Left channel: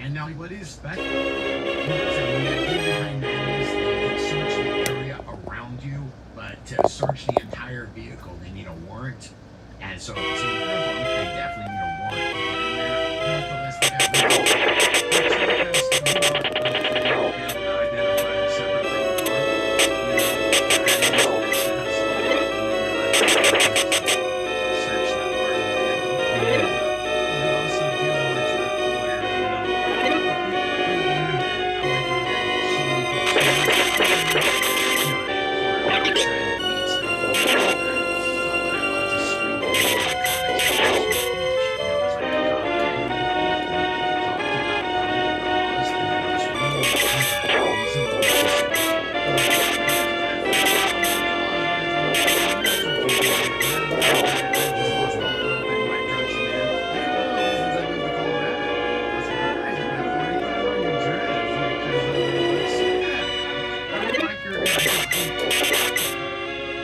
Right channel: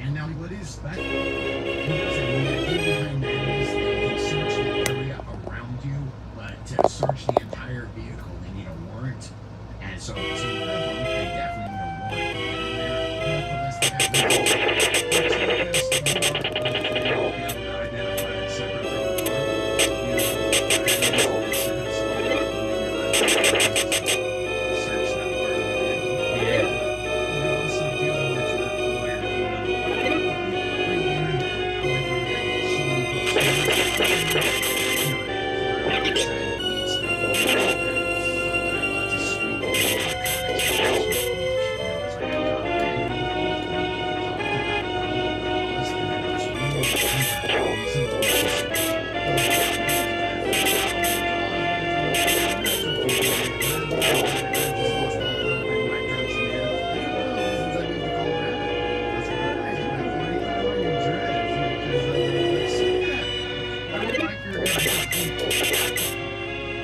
And now what is special? The idea behind that is they can search the area around you, but to search the entire vehicle, they need a warrant. And so if it's in their home, they definitely need a warrant to get in there. Nevertheless, they have identified separate from the search that part of the vehicle. We're also dealing with the lawyer,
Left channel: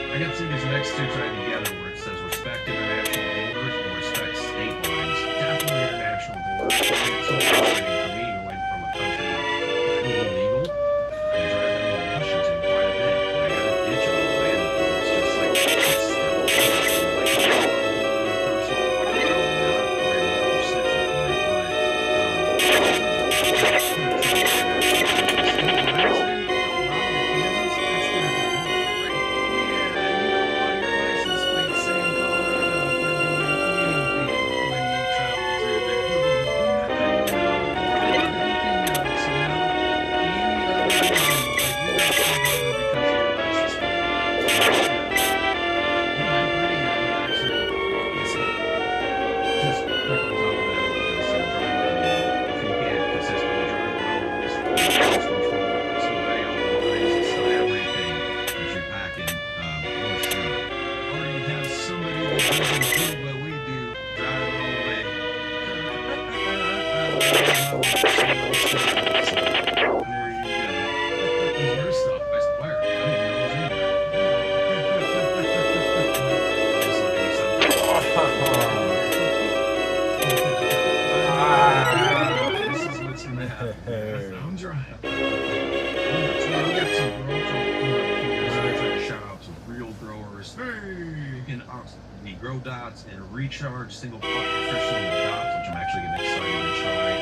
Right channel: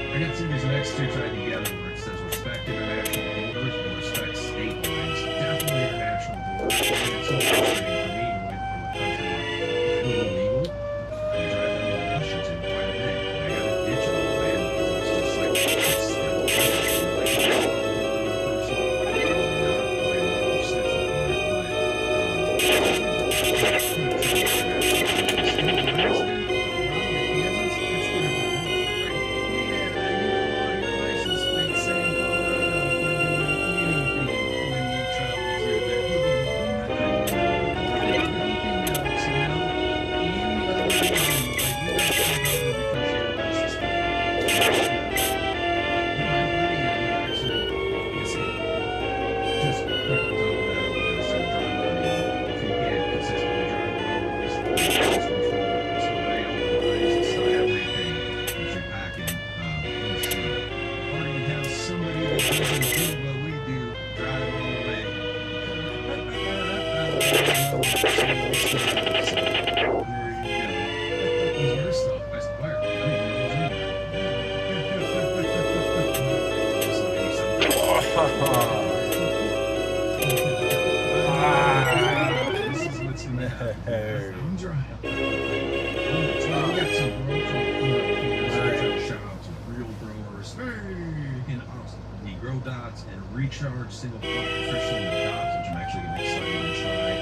I got to see these next two tied together where it says respect international borders and respect state lines. Definitely international borders. It's so frustrating for me going from a country where it's illegal. I drive down to Washington quite a bit, and I got to ditch all the land because it's just like, it's still illegal. Like, it's not a personal, probably not very well reciprocal, I'm driving. We got some growers coming up here. Shout out to real growers. And the grow dots and recharge single pot nutrition in the dots, which I'm actually getting excited to try.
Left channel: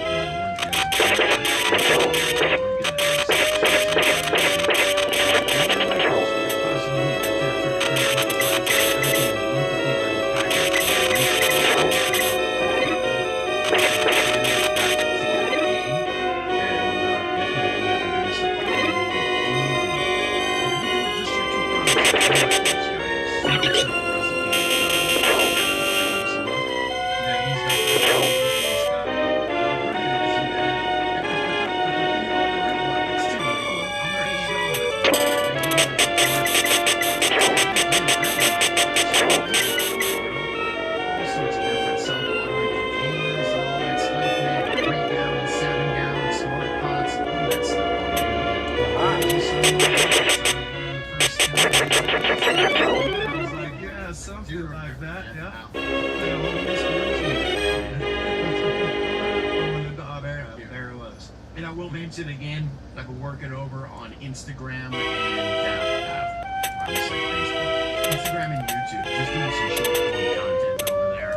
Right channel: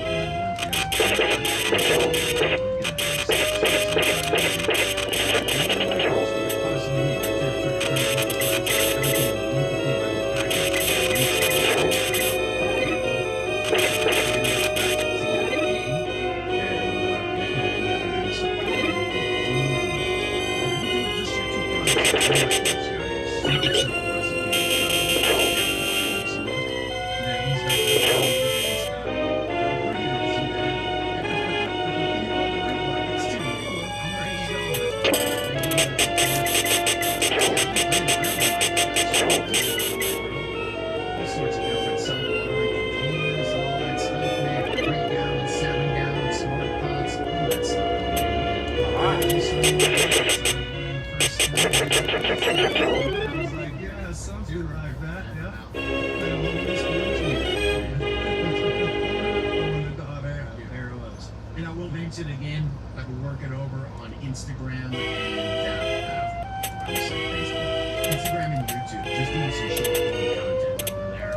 Something like that, yeah. There it was. And I will mention again, I've been working over on Instagram and obviously Facebook. Instagram and YouTube. Just doing some short form content over there.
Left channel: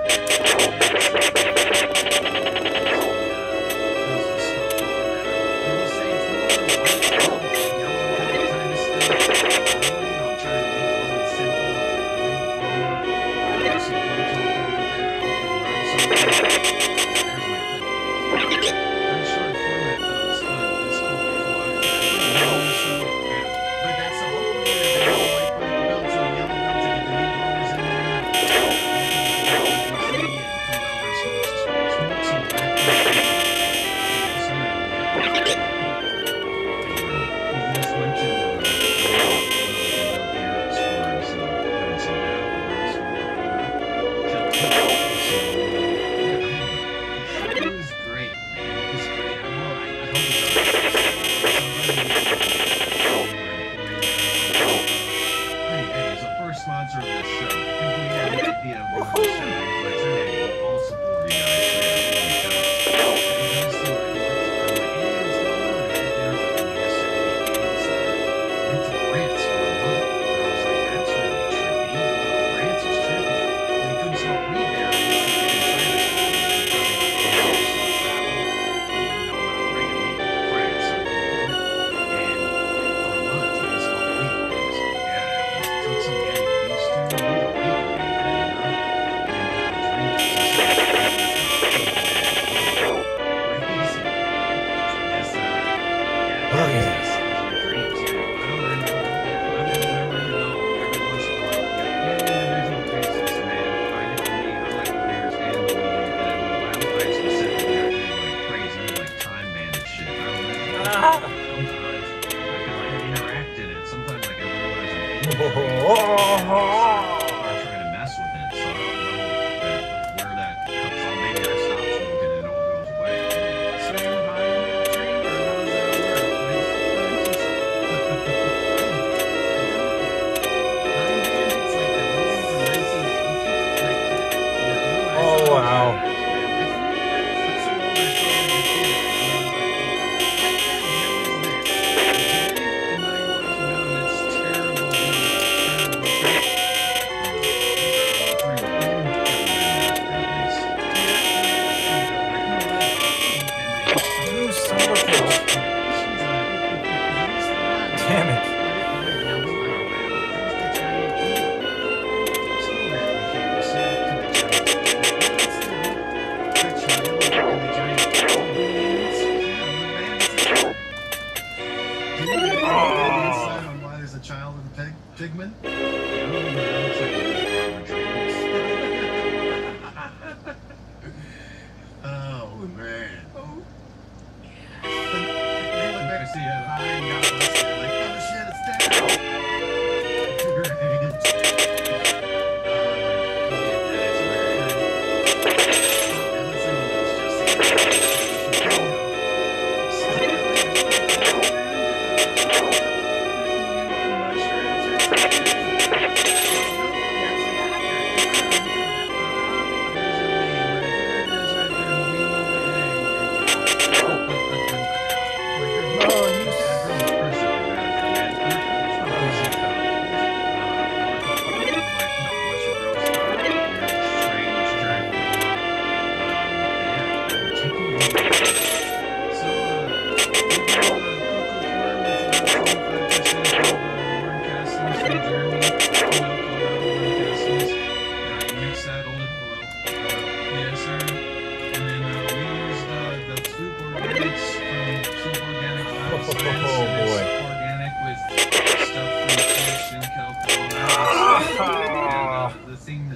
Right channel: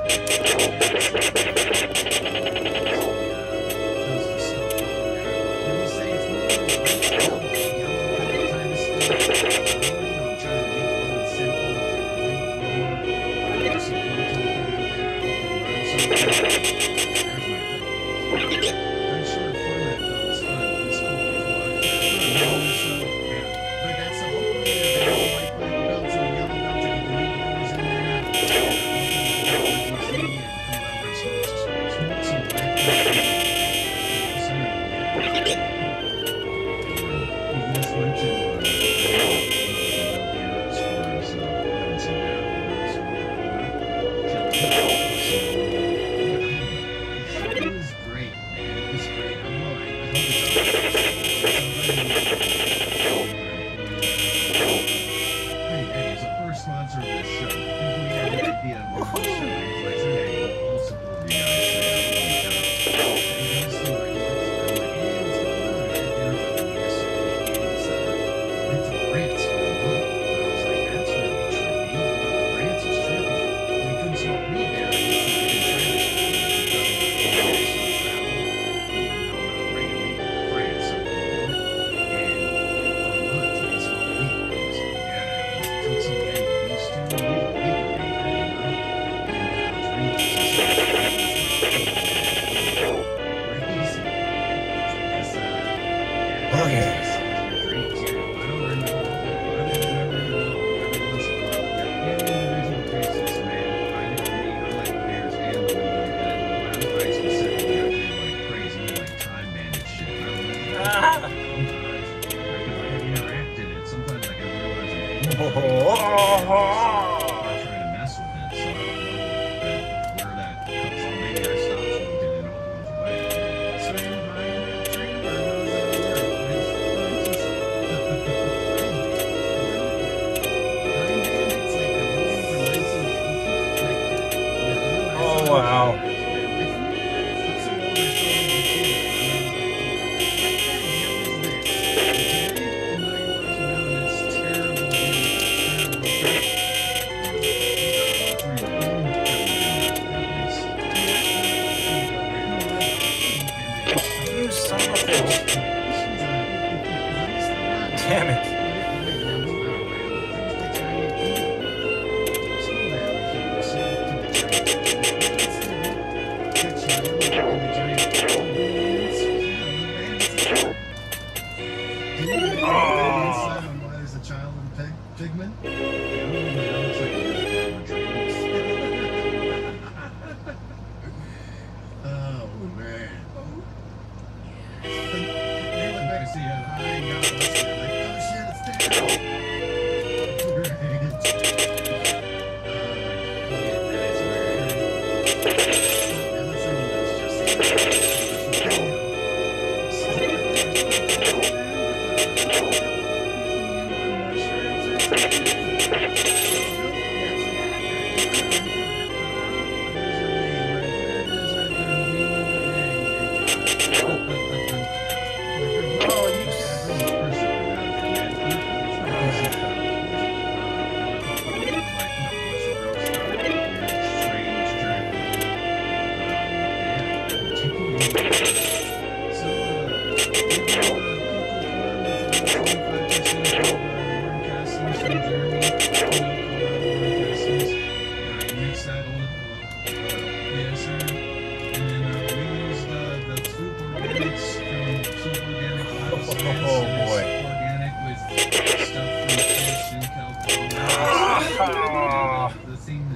yes. Your dreams, yeah. I don't remember. Whenever you know, every once in a while, yeah, in individual cases, man. I know me, I like the beers and the weed, and last night specifically, I did like crazy, like time bandit shit. I don't know. Sometimes I can like interact in it. Sometimes like I realize I'm in it. Start trying to mess with it, so I don't know where that comes from. Maybe I stop smoking and it all goes away. Same high in that dream, or how does that work? Oh, wow. You son of a bitch. Damn it. Why there's a child in Pigman? Yeah, that looks like a dreams. Oh man. Oh. They look back to see it. I ain't got to listen. Like, oh shit, it's down. That is weird. And let's see what that's just.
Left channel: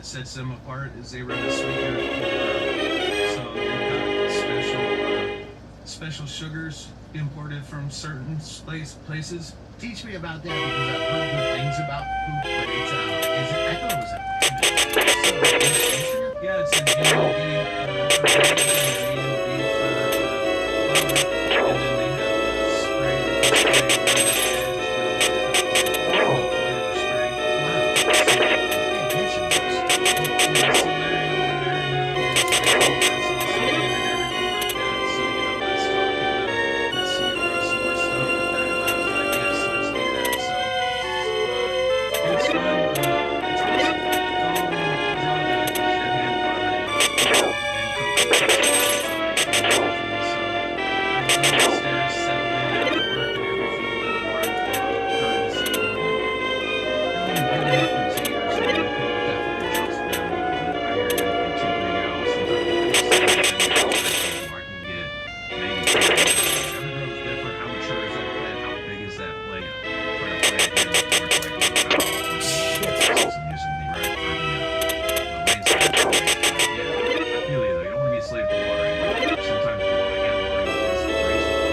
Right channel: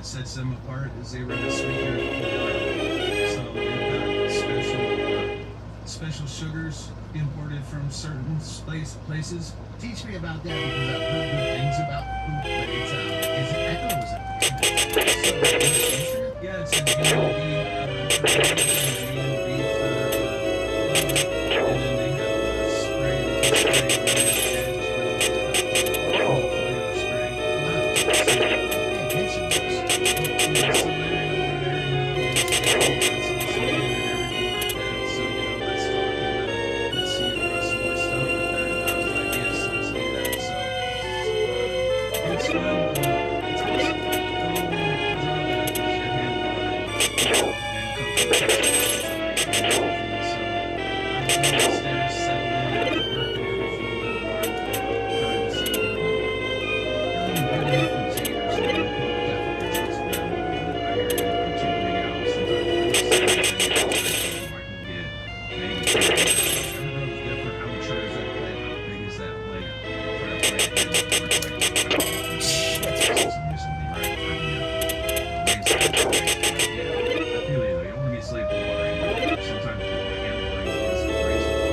Sets them apart is they run a sweetener for so they've got special sugars imported from certain places. Teach me about that because I've heard good things about poop, but it's I thought it was a yeah, it's an A&B for flour, and then they have a spray that you spray around the edge flavor spray. Wow. So Larry over there, you know, he's also in and everything like that. So, you know, let's talk and let's see some more stuff with that. And I was like, yes, let's do that. So, it's fun. It's awesome. Drawback is your hand watering and cooking and everything. So, I go upstairs, settle in after work and everything, let the water flow, kind of see, really big enough containers so that people definitely trust them a little bit. I hear you in 2-3 gallons. Sometimes I can get maybe 2 gallons. Every grow is different. How mature is that plant? How big is that plant? For a plant in the forest, like I'm using the right for the rain. Yeah, I feel you though. You don't want to be a slave to watering. But sometimes you want to hand watering is graceful.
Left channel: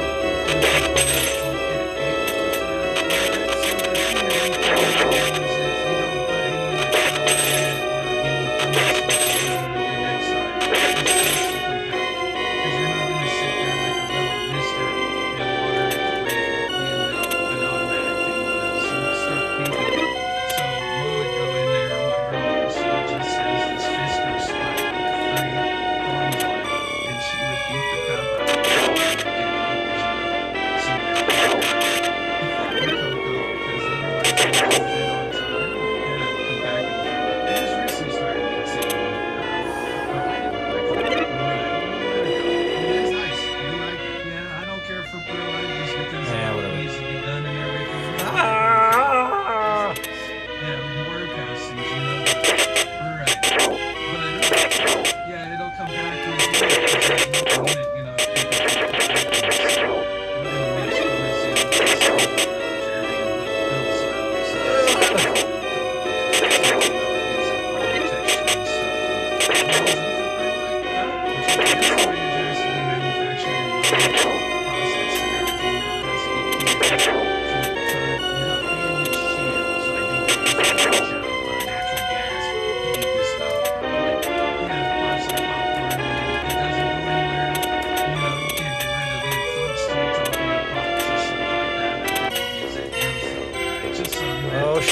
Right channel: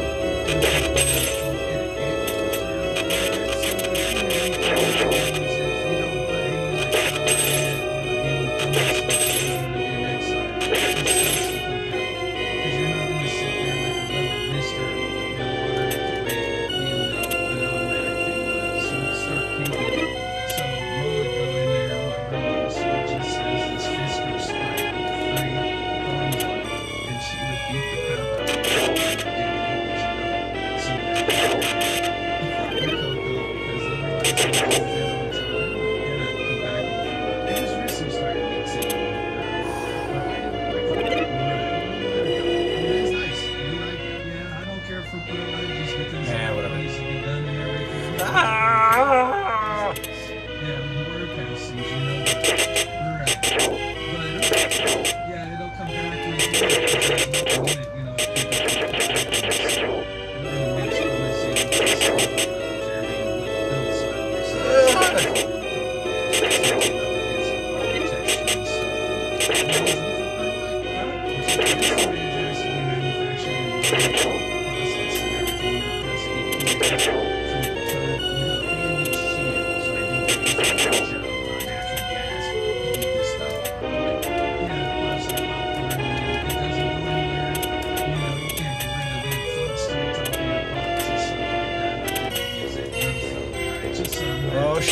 We're gonna mix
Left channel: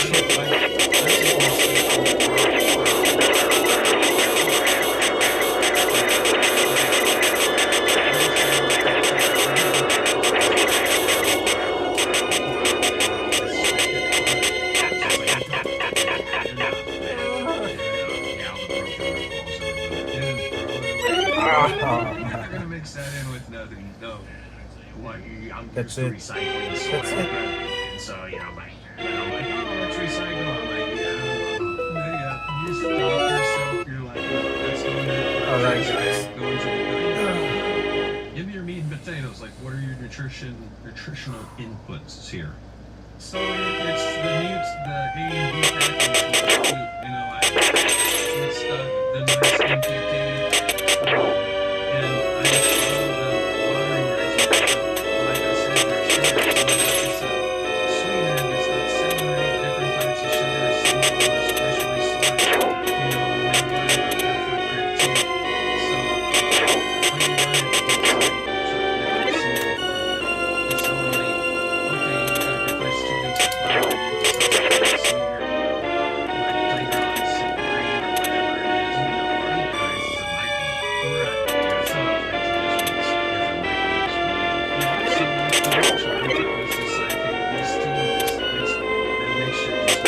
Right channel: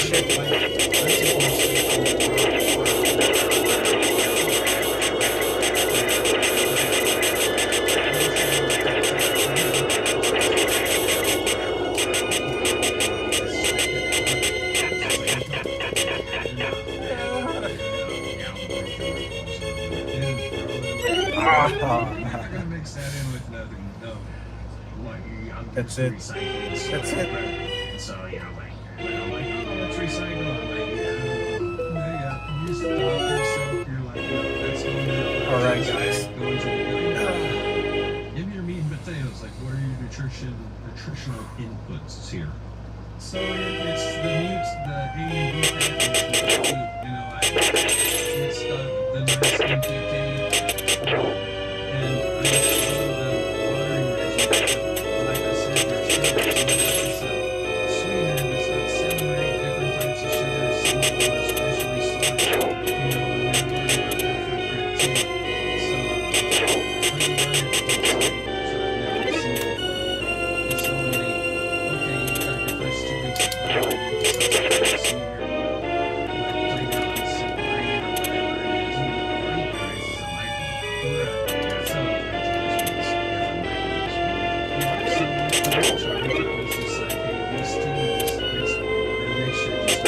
You're gonna mix that in with nothing. No. What? I'm That's just it. recycling That's soil. it. And so, you know, like, and I'm like, oh, let's recycle. I'm like, yeah. You stop yourself. You're like, no, that's going to the All right, trash guys. bag, going to the give me your meat and potatoes. Like, what are your nutritional inputs here? So it's the newts, the A and B package. You know, it's the nice NPK, and I just follow the watering regimen. Like I said, there's sugars. It's a sweetener that's got 7 or 8 different types of sugars. Some of them are specially sourced. You know, and they worry about that for grip too. So when you run it, which I've never seen before, it's normally okay. You got your first 2 weeks of flour, you decide to sweetener, like playground simple grain or whatever it is. You know, or you guys, it might be. Right. So things just makes different microbes. Yeah. So with the milk charge, it was just like, hey, this team is the mixture just.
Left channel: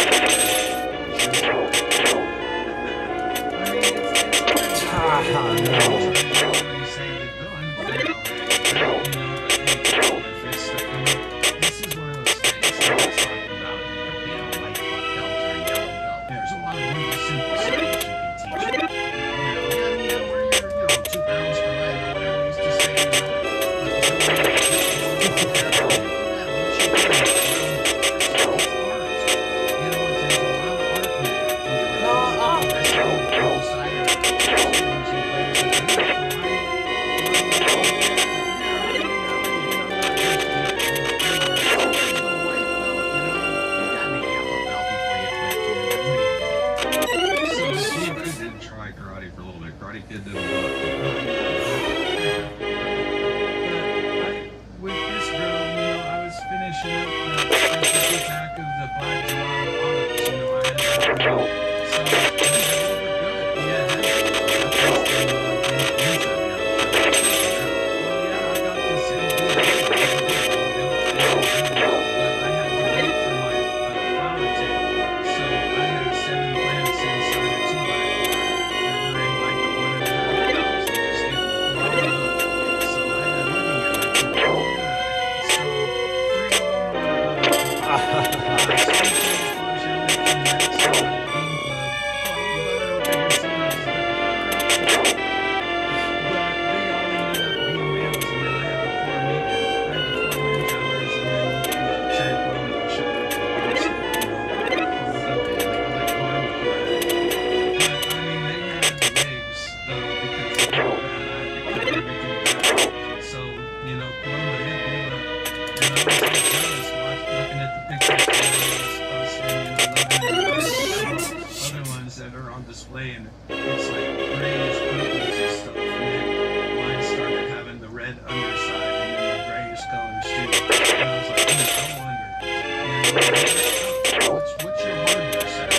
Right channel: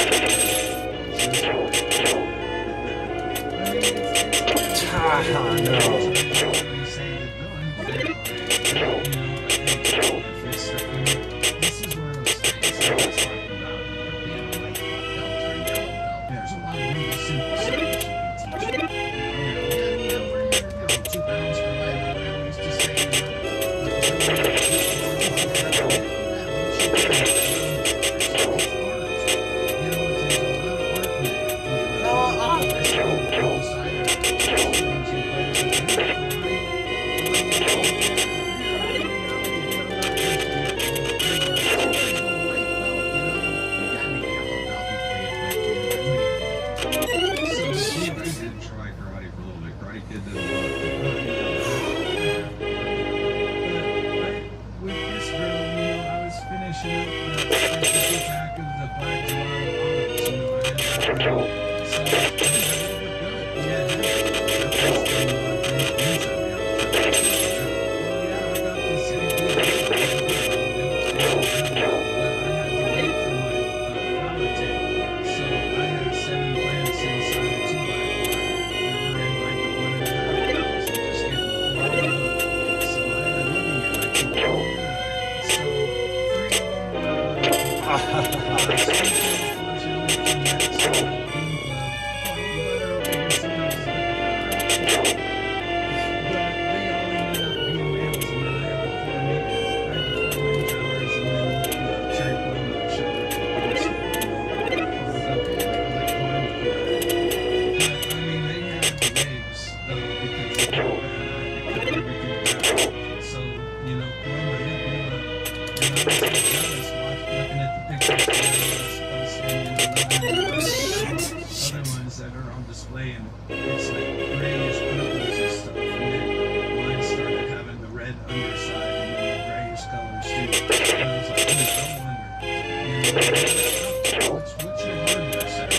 I mean, it's hard. No. Already saying it done. They're already done, you know. But hey, if it's the food, this is one of those things that I was talking about. You know, white belt or yellow belt. There's a lot of really simple science you can teach. You know, and you know where you're 2 pounds per leg or whatever it is to say. You know, but the whole art. You know, it's a lot of art in there. So she did try karate for a little bit. Karate Kid did a lot. But with this girl, you know, I was finishing up the 50-pack of the black gelato olives. You know, I had that girl. So they were good. Yeah, well, yeah, I got the same deal. But I had to wait for my flower tip. So I had 7 plants inside of 2 by 4 that were in like the 1.5 pounds. They just get blown up. So I had money and I could go, so 3 more So, you know, Paloma hit me up, and I was like jealous looking at the pictures that I was posting, and other ones that are on display, and it's like grayish purples and stuff, and then mine started having the red underside and then the grayish colors too, and I was like, I wonder, and what's your hardware set?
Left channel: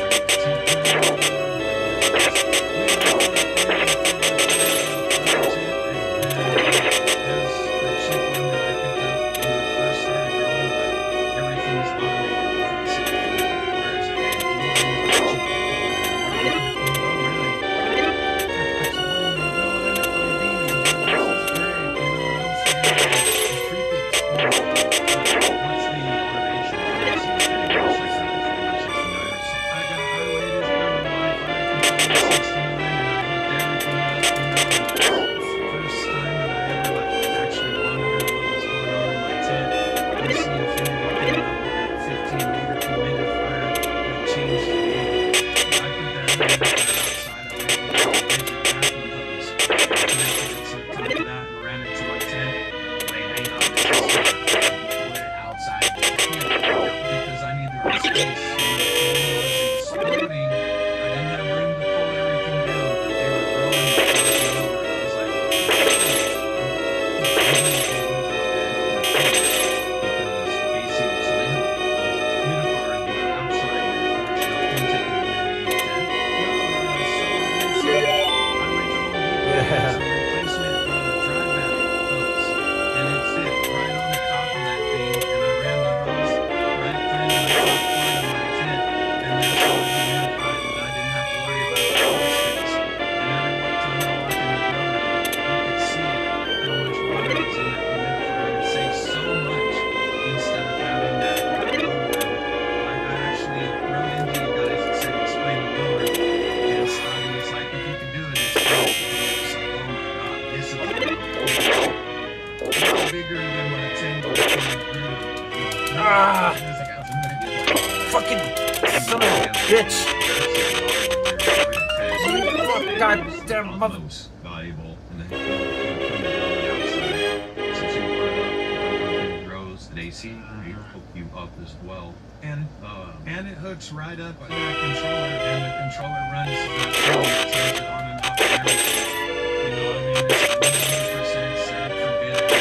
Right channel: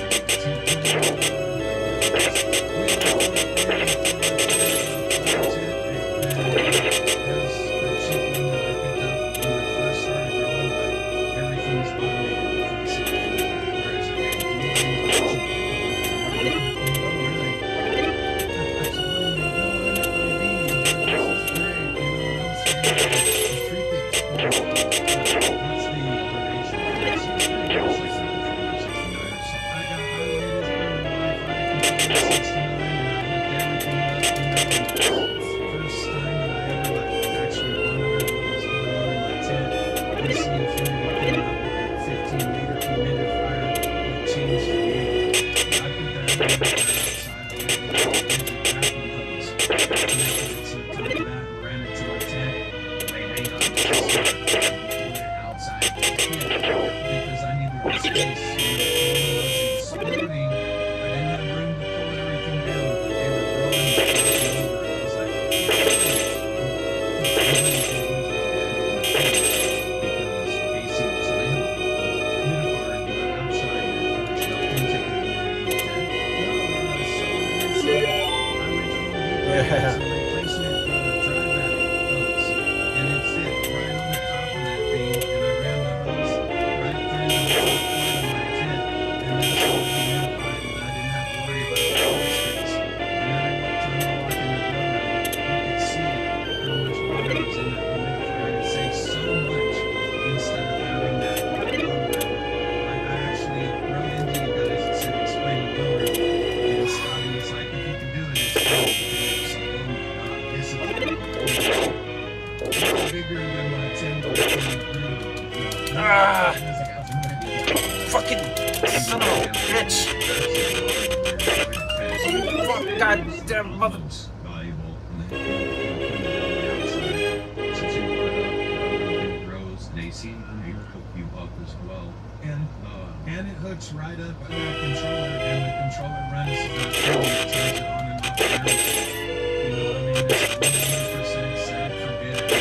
Connected it to the top of that and ran it to my tent. Like, hang on, this is on my 10 by 20 grill. Ah! Fucking son of a bitch! God damn mother. Most valuable in the outside. Since you put up grows and AC will hook you up as well. And it hooks right up to that controller, and the controller runs the turns it on and off and everything. You know, I mean, it's 100% set it, forget it.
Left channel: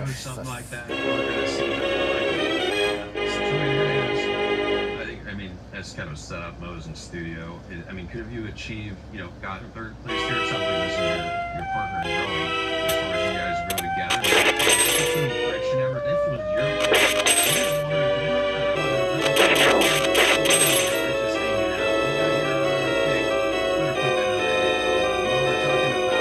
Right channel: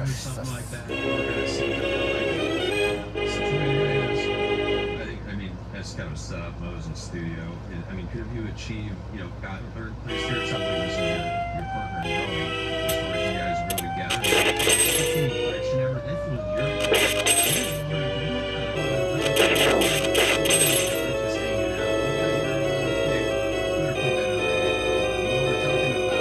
Or something like that. We're gonna see how they like it. So the way it is, I mean, that's kind of set up Mo's in studio. I mean, could have you achieved, you know, gotten third place here or something? This is your partner in growing. As far as you guys grow together, any friction ever? This was your. You didn't want to do it. Just hanging out. You got your. Yeah, better put that on there. Mo, we're talking about.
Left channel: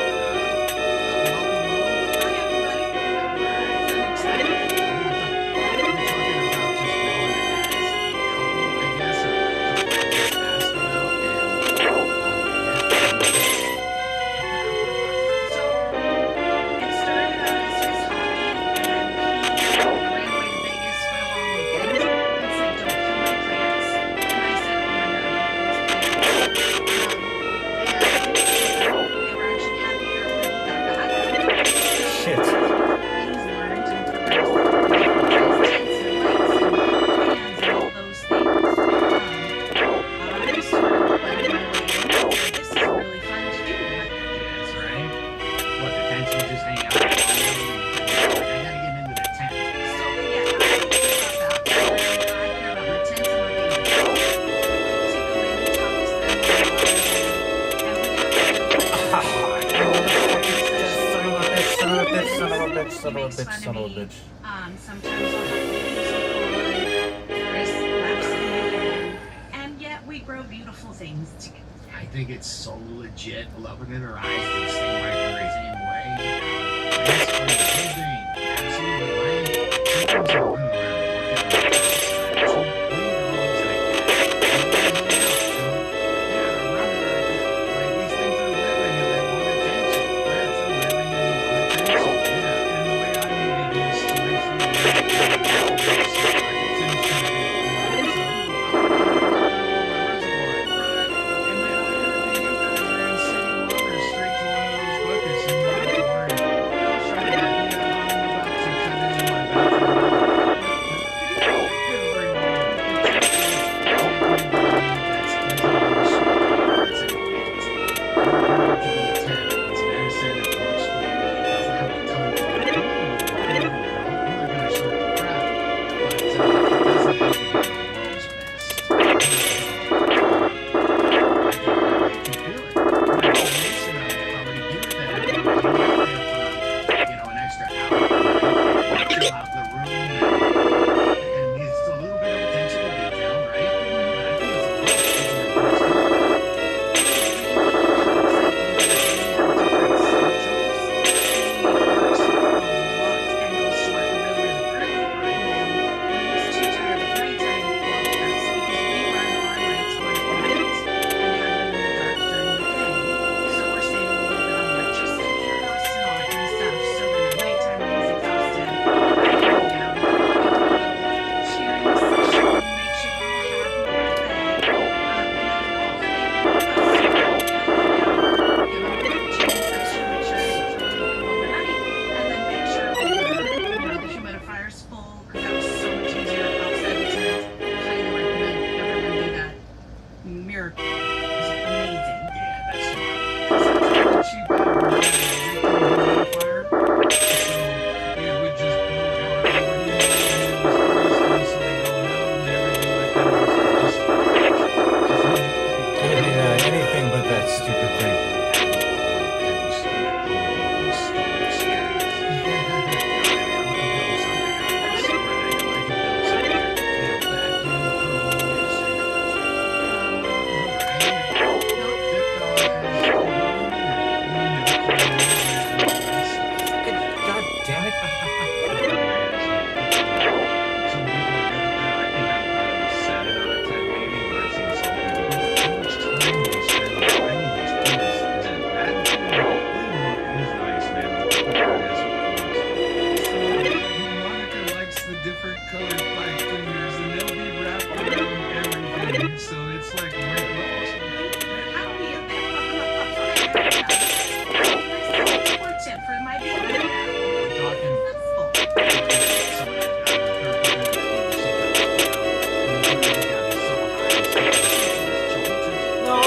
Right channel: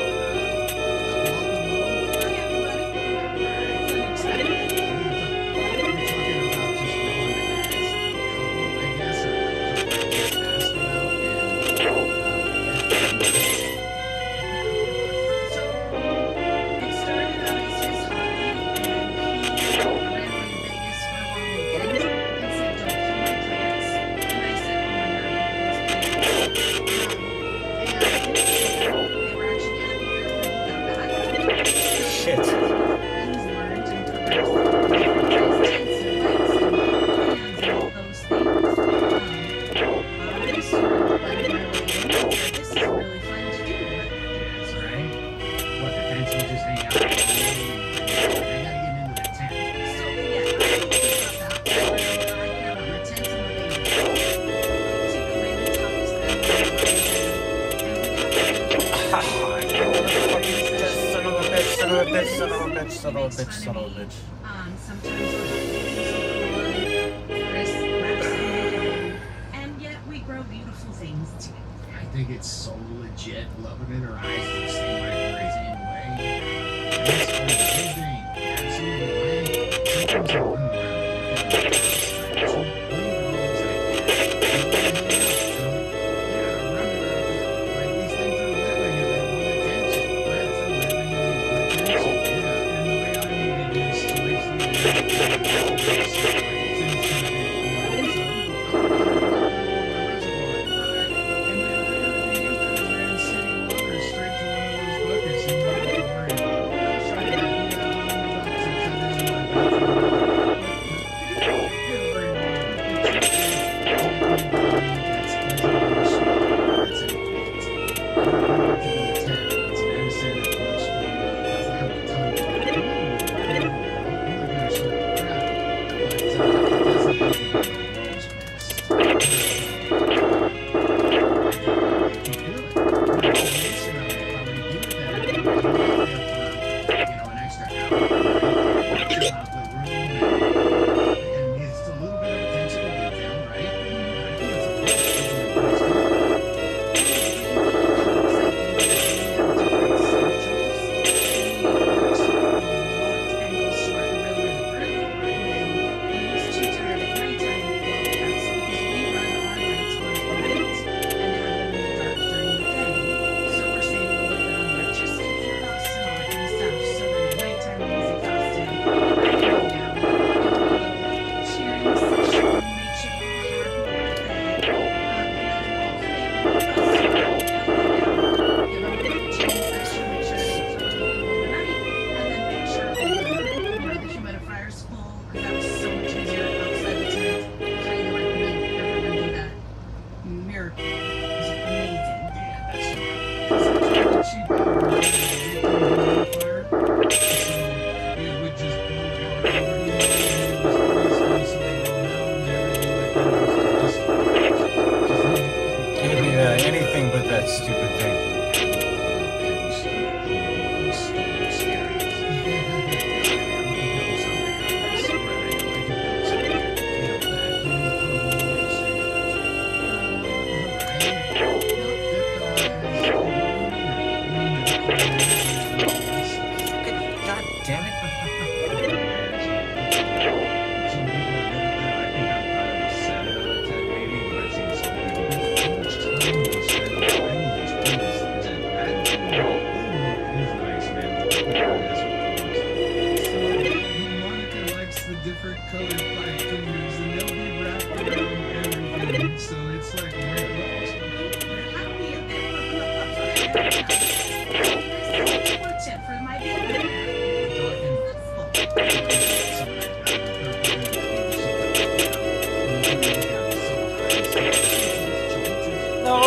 Sometimes I'll have music on, Chris laughs at me, and yet we grow beautiful things together. I think it's so legit. Love it in her eyes the same way, the same way. That's amazing. Absolutely, man. Sometimes I'm running around working on the house. I have 2 dogs and a cat. Yeah, I'm running around. Like, these things are living and they want attention. That's a living and they want attention. Yeah. And the way I made it is to recently Music different colored pipe cleaners, and they'll be wrapped around everything. So it's like rent awesome. How do we important for my baby? We're talking. Some of that third party that you got me so high, No!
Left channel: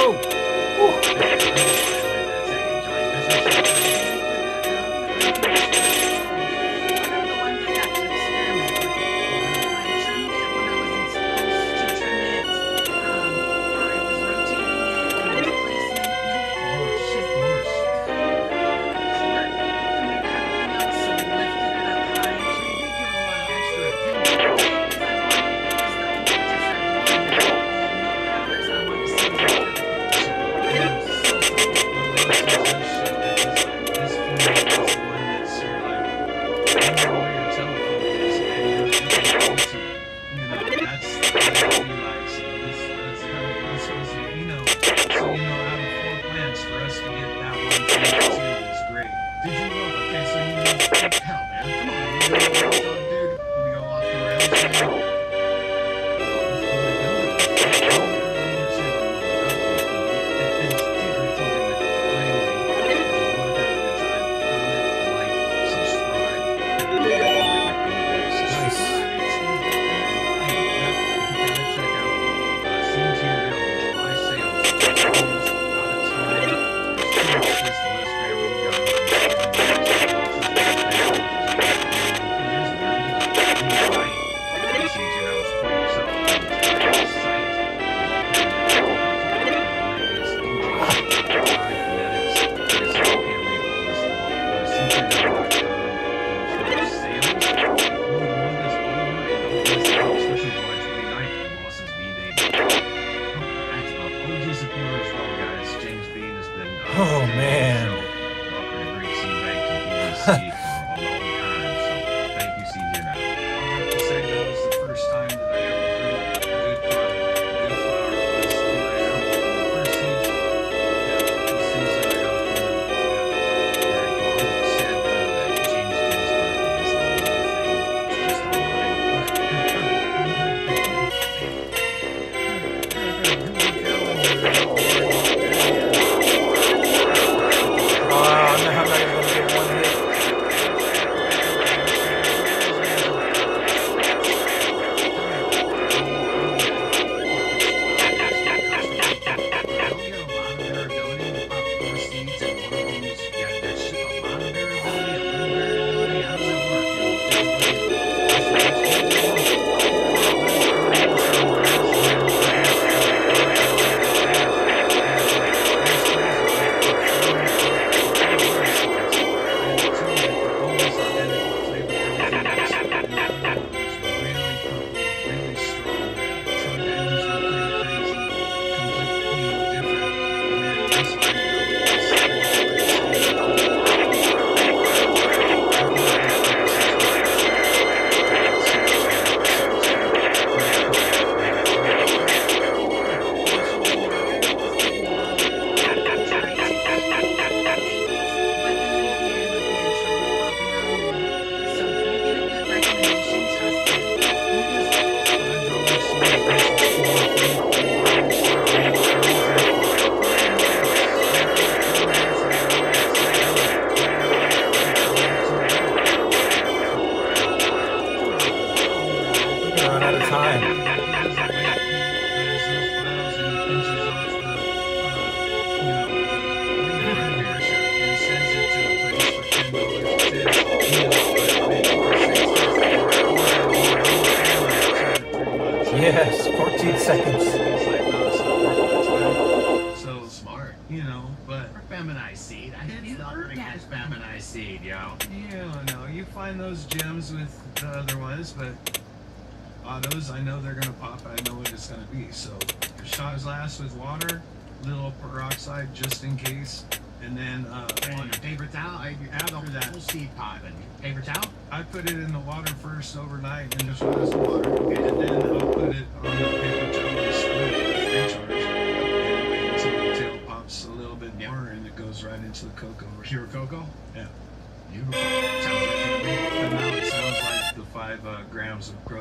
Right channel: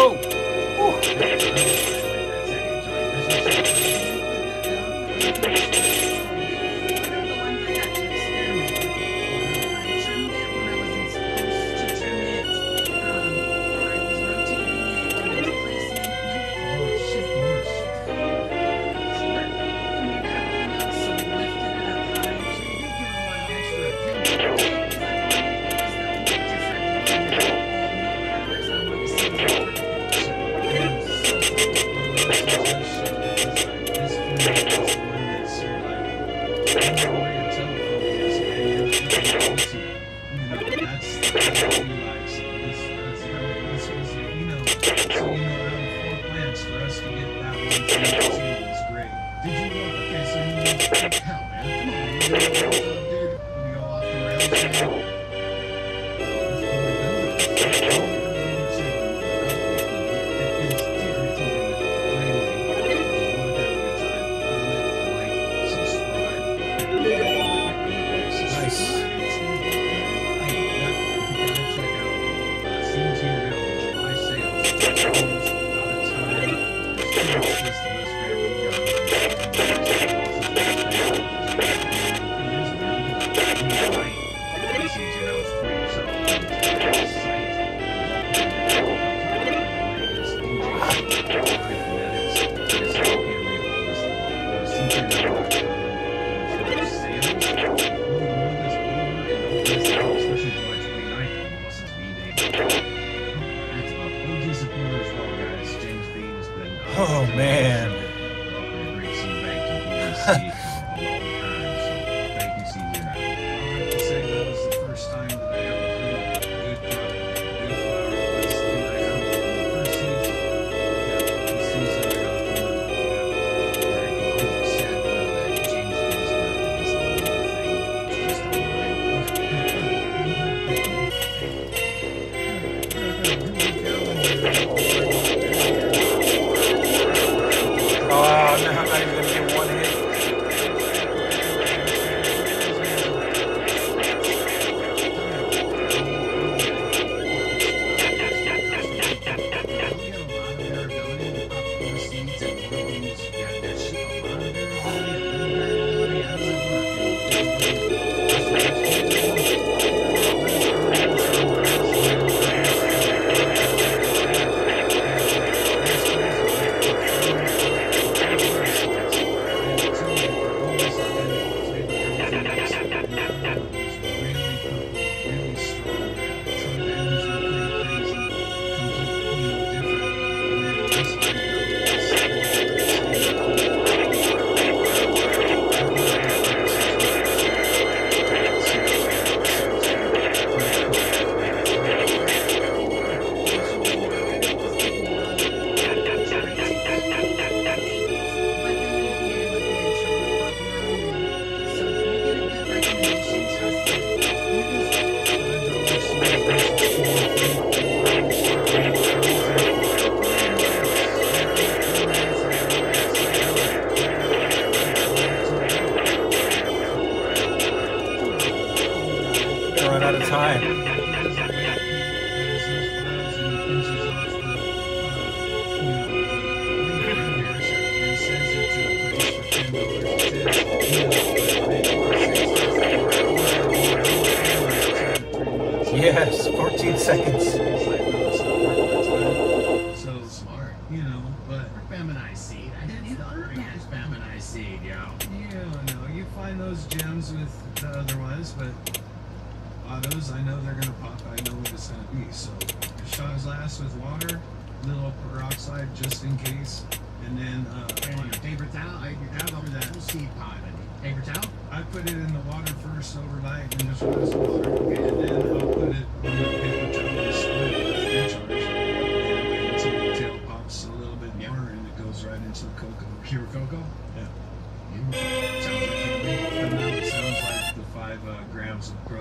Yes, 14 seconds. He's like, no, it's not worth it. So smart, you know, but Feminized seed. I didn't start as feminized seed, yo. yeah, no, you find those gems with the other ones, but autos, I know they're gonna pop. I know what it's gonna be. So shot his last with water, little peroxide just in case, and then On your paper towel, I have After that. whole seed pod. Paper towel? I put it in the water first overnight and just rest the water. Okay, and then I'll put it on the paper towel and split it with recharge. And wait until the tail pops a little bit more and it goes right into the cocoa. Pure cocoa? Yeah. Beautiful. Sounds like to me. But now it sounds like the 5 grams of protein